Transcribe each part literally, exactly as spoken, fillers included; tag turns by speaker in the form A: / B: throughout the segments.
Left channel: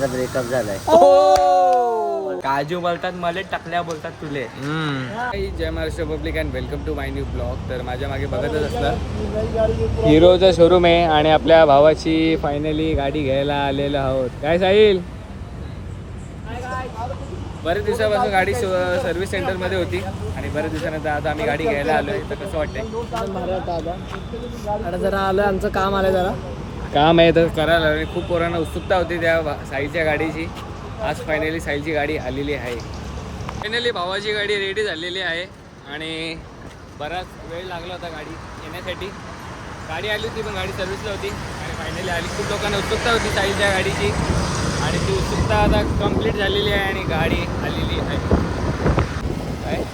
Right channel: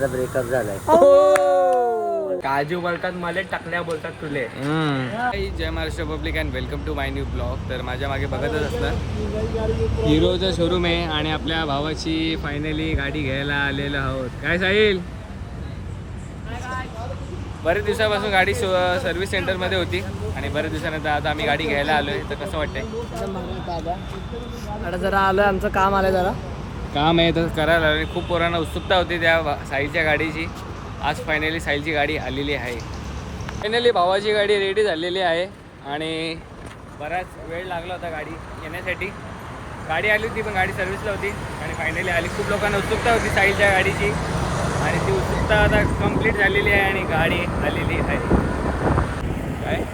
A: माझा ब्रेकअप झालाय.
B: काजू बोलतात मला, टाकल्या बोलतात तुले. जय Maharashtra public and welcome to my new blog. तर माझ्या मागे बघतच असतं हिरोचं शोरूम आहे आणि आपल्या भावाची फायनली गाडी घ्यायला आलेलो आहोत. काय साहिल? बरेच दिवसापासून गाडी सर्व्हिस सेंटरमध्ये होती आणि बरेच दिवसानंतर आता आम्ही गाडी घ्यायला आलोय. तर कसं वाटतंय?
C: आता जरा आलोय, आमचं काम आलंय, जरा
B: काम आहे तर करायला आणि खूप पोरांना उत्सुकता होती त्या साईलच्या गाडीची. आज फायनली साईलची गाडी आलेली आहे. फायनली भावाची गाडी रेडी झालेली आहे आणि बराच वेळ लागला होता गाडी येण्यासाठी. गाडी आली होती पण गाडी सर्व्हिसला होती आणि फायनली आली. खूप लोकांना उत्सुकता होती साईलच्या गाडीची आणि ती उत्सुकता आता कंप्लीट झालेली आहे आणि गाडी आलेली आहे. काय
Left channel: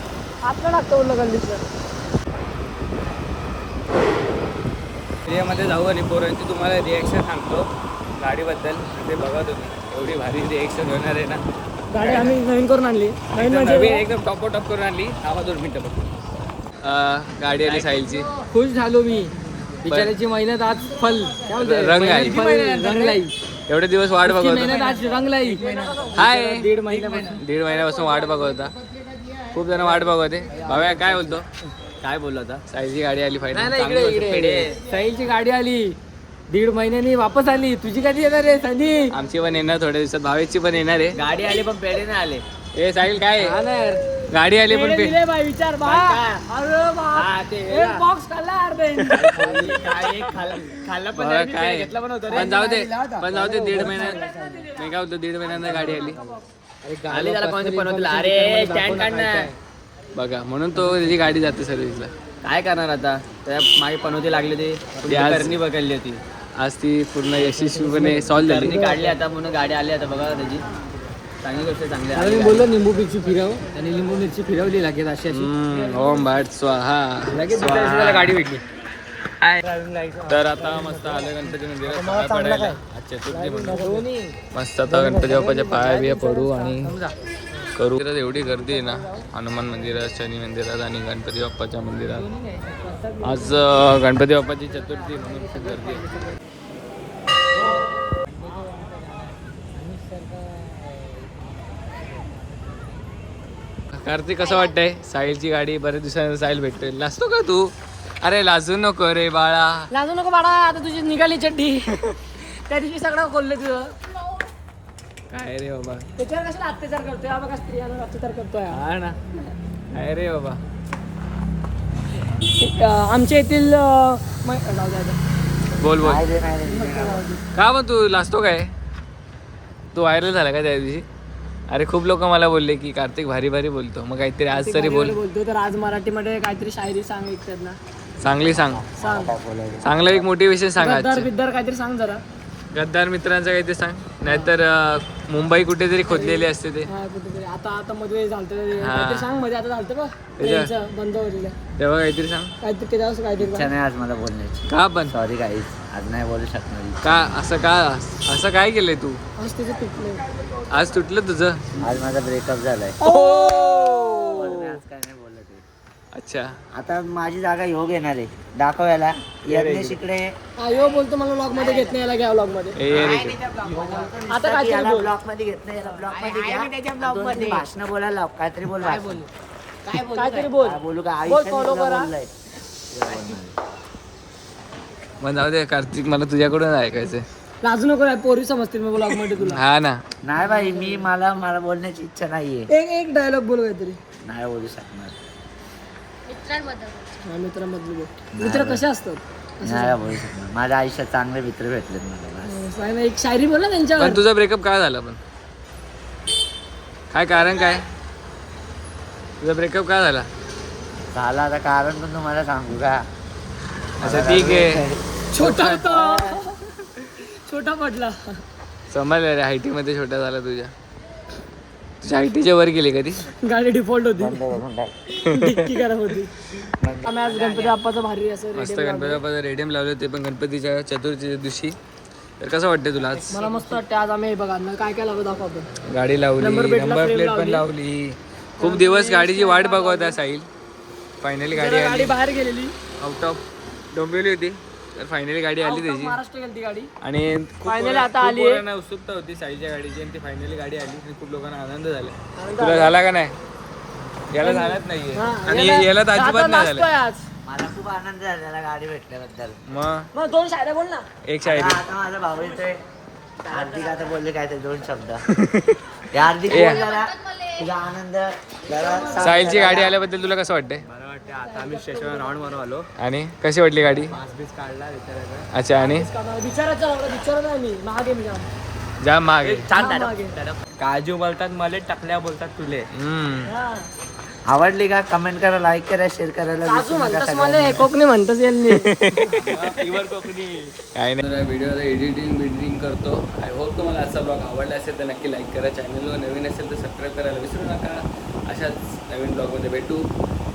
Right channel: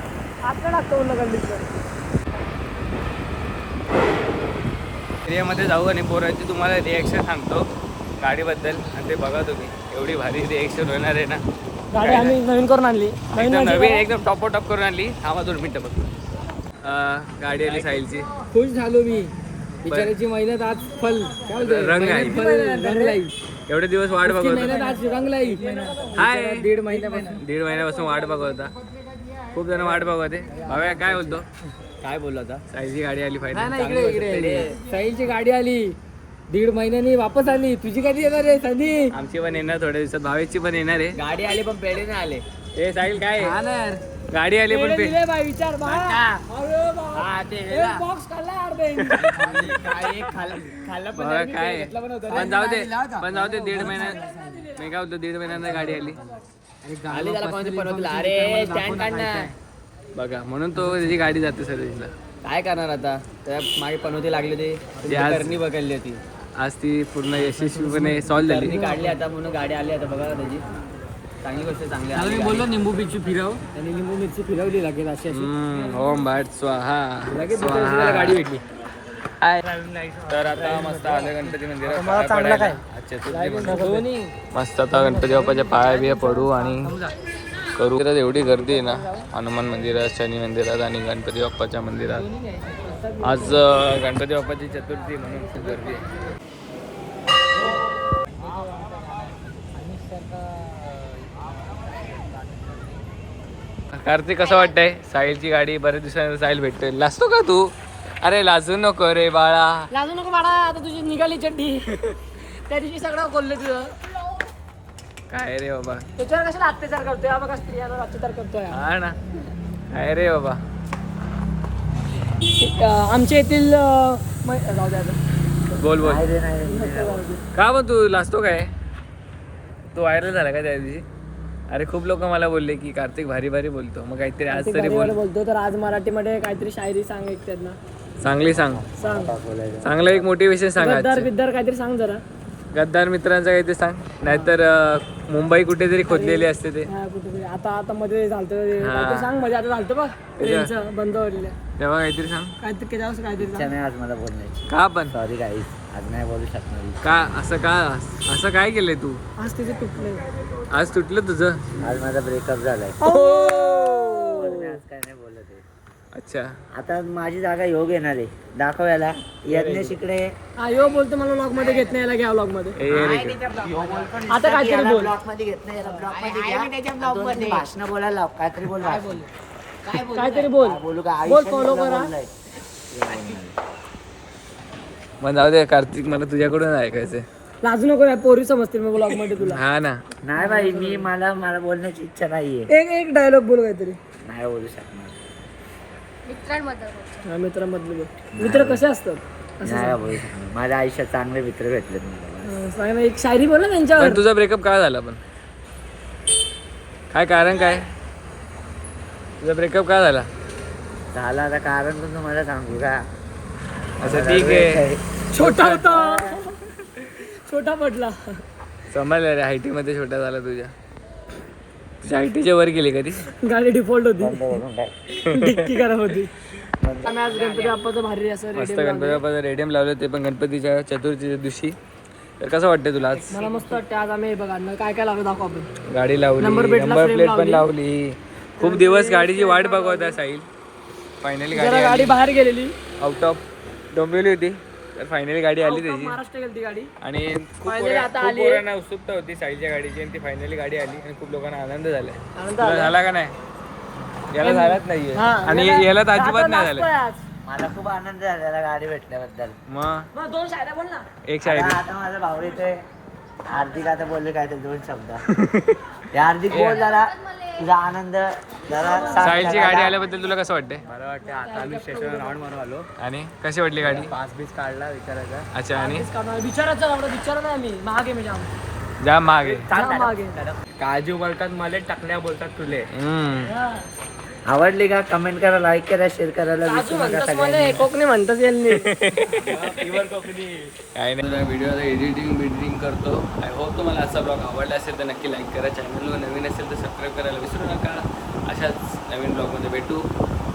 B: एरियामध्ये जाऊ आणि पोरांची तुम्हाला रिॲक्शन सांगतो गाडीबद्दल आणि ते बघा तुम्ही. एवढी भारी रिॲक्शन होणार आहे ना.
C: गाडी आम्ही नवीन करून आणली,
B: एकदम नवीन एकदम टॉप टॉप करून आणली. थांबा दोन मिनटं बघ. गाडी आली साईलची.
C: खुश झालो मी. बिचाराची मेहनत आज फल
B: रंग आली.
C: रंगलाई.
B: एवढे दिवस वाट बघत
C: मेहनत आज रंगलाई.
B: हाय
C: दीड महिन्यापासून
B: दीड महिन्यापासून वाट बघत होता. खूप जण वाट बघवते. भाव्या काय बोलतो?
C: काय बोललो आता?
B: साईलची गाडी आली फायनल.
C: साईलची गाडी आली, दीड महिन्यानी वापस आली. तुझी कधी येणार आहे संधी?
B: आमची पण येणार थोड्या दिवसात. भावेची पण येणार आहे.
C: गाडी आली पण पेढे नाही आले.
B: हे साहिल काय गाडी आली पण पे
C: विचार
B: काय पण जाऊ दे पण जाऊ दे दीड महिन्यात मी काय होतो दीड महिन्यांना गाडी आली.
C: अरे स्टँड काढणार
B: बघा म्हणून तो त्याची गाडी जाते सर्व्हिसला.
C: काय करणार आता? त्या मागे पनवती लागले ते
B: आज-
C: करणी बघायली होती.
B: आज ती पूर्ण यशस्वीपणे सॉल्व्ह झाली.
C: करणी काढली आता म्हणून गाडी आली. आता बघा त्याची चांगली गोष्ट चांगली आहे. मी बोललो निंबू मिरची फिरव आणि लिंबू मिरची फिरवली लागेल अशी अशी
B: हम्म, ओम भाट स्वाहा
C: लगेच दुसऱ्या
B: स्वाहा.
C: दिवशी गाडी भेटली.
B: हाय. तर आता मस्त आलं गणपती मंदिरात पाया पडायला. आज चतुर्थी म्हणून मस्त आता गणपती बाप्पाच्या पाया बिया पडू आणि करू. मंदिरात एवढी गर्दी आहे ना, हनुमान मंदिरात, शनी मंदिरात आणि गणपती बाप्पाच्या मंदिरात. आज अं, गणपती बाप्पाची चतुर्थी म्हणून खूप गर्दी आहे. कार्तिक कसं वाटतंय? साहिलची गाडी बऱ्याच दिवसानंतर साहिल भेटतोय. लाजतो का तू? अरे लाजू नको रे बाळा.
C: लाजू नको बाळा. आता तुझी निघाली चड्डी. त्या दिवशी सगळं बोलले तुझं
B: काय रे बाबा?
C: त्याच्यावर कशाला अत्याचार करतोय? बघा स्त्रियांवर अत्याचार करतोय.
B: हा ना. काय रे बाबा?
C: आमच्या येथील जाऊ द्या
B: बोल बोल. का पण तू लाजतो काय? तू व्हायरल झाला का त्या दिवशी? अरे खूप लोक मला बोलले की कार्तिक भारी भारी बोलतो. मग काहीतरी आज तरी बोल.
C: बोलतो तर आज मराठीमध्ये काहीतरी शायरी सांग एक त्यांना.
B: चांगली सांग.
C: सांग
B: चांगलं एक मोटिवेशन सांग.
C: गद्दार बिद्दार काहीतरी सांग जरा.
B: गद्दार मित्रांचं काहीतरी सांग. नाहीतर अं, मुंबई कुठेतरी खोदलेली असते ते.
C: हा कुठेतरी आता आता मध्ये झालतं काहीतरी सांग. मध्ये आता झालतं बघ ट्रेनचं बंद होईल
B: तेव्हा काहीतरी सांग.
C: काहीतरी त्याच्यावर काहीतरी सांग.
A: नाही आज मला बोलण्याची.
B: का पण?
A: सॉरी गाईस, आज नाही बोलू शकणार.
B: का असं का असं काय केलंय तू?
C: आज तिथे तुटलंय.
B: आज तुटलं तुझं?
A: आज माझा ब्रेकअप झालाय.
B: ओ
A: आज काय नाही बोलत आहे.
B: अच्छा.
A: आता माझी जागा ह्यो घेणार आहे दाखवायला. यज्ञेश इकडे
C: हा यो बोलतो मला ब्लॉग मध्ये घेत नाही, याला घ्या ब्लॉग मध्ये.
B: ए रे ते.
C: आता काय
A: याला ब्लॉक मध्ये घेत नाही, याला ब्लॉक मध्ये घ्या. भाषण बोलायला लाव. काहीतरी बोल. भाषण
C: काहीतरी बोल.
A: काय बोलू का? आयुष्यात
C: follow
A: तुला
C: करा.
A: बोललाय.
B: मग जाऊ दे कार्तिक, मला तुझ्याकडून ऐकायचंय.
C: लाजू नको रे, पोरी समजतील मग ब्लॉग मध्ये तुला.
B: हा ना.
A: नाही भाई, मी मला मला बोलण्याची इच्छा नाहीये.
C: एक एक डायलॉग बोल काहीतरी.
A: नाही बोलू शकणार.
C: हा मित्रांमधले बोल. मित्र कसे असतात?
A: नाही बोलू शकणार. माझ्या आयुष्यात चांगले मित्र भेटले मला.
C: हा, एक शायरी बोल ना त्यांच्यावर.
B: पण तुझा ब्रेकअप काय झाला पण? काय कारण काय? तुझा ब्रेकअप काय झाला?
A: झाला आता कारण पण तुम्हाला सांगू का?
B: अच्छा ठीक आहे.
C: छोटा होता, छोटा पडला.
B: समजलं रे, हायटी मध्ये छोटा झाला तुझ्या. तुझ्या हायटीच्या वर गेली कधी?
C: गाडी डिफॉल्ट होती, डिक्की खराब होती. आम्ही आज गणपती बाप्पाचं भारी असं
B: मस्त गणपती बाप्पाचं रेडियम लावलं, ते पण गणपतीच्या चतुर्थीच्या दिवशी. तर कसं वाटतं तुला आज?
C: मला मस्त वाटतं. आज आम्ही बघा काय काय लावलं दाखव आपण.
B: गाडी लावली, नंबर प्लेट पण लावली. खूप दिवस गाडीची वाट बघत होता साहिल. फायनली गाडी
C: गाडी बाहेर गेलेली,
B: आउट ऑफ डोंबिवली होती. तर फायनली गाडी आली त्याची
C: महाराष्ट्र गेली ती गाडी
B: आणि खूप
C: Finally
B: पोरा-
C: आता
B: खूप
C: आली.
B: पोरांना उत्सुकता होती साईच्या गाडीची आणि ती फायनली गाडी आली आणि खूप लोकांना आनंद झाला. तुला झाला का नाही? याला झालाच नाहीये आणि याला तर अजिबात नाही झालं.
A: मला खूप आनंद झालेला गाडी भेटल्याबद्दल.
B: मग
C: मग दोन शाळा बोल ना.
B: एक शाळेत
A: आता आता माझा भाऊ येतोय. हार्दिक आता बोलले काय ते दोन शब्द. ते हार्दिक बोल जरा तुझा आनंद जरा
B: साहिलची गाडी आल्याबद्दल तुला कसं वाटतंय?
C: मला वाटतं आता आम्ही स्टेशनवर राऊंड मारून आलो.
B: आणि कशी वाटली गाडी?
C: पास बीस काढला विचारायचा.
B: अच्छा आणि
C: विचारायचा विचार नाही मी मागे मी जाऊन
B: जा मागे.
C: काजू बोलतात मला टकल्या बोलतात तुले.
B: हम्म.
A: आवडली का कमेंट करा, लाईक करा, शेअर करायला विसरू नका सगळ्यांनी.
C: कोकणी म्हणतात यांनी.
B: काय नाही व्हिडिओचं एडिटिंग बिडिटिंग करतो. आय होप तुम्हाला आजचा ब्लॉग आवडला असेल तर नक्की लाईक करा. चॅनलवर नवीन असेल तर सबस्क्राईब करायला विसरू नका. अशाच नवीन ब्लॉगमध्ये भेटू.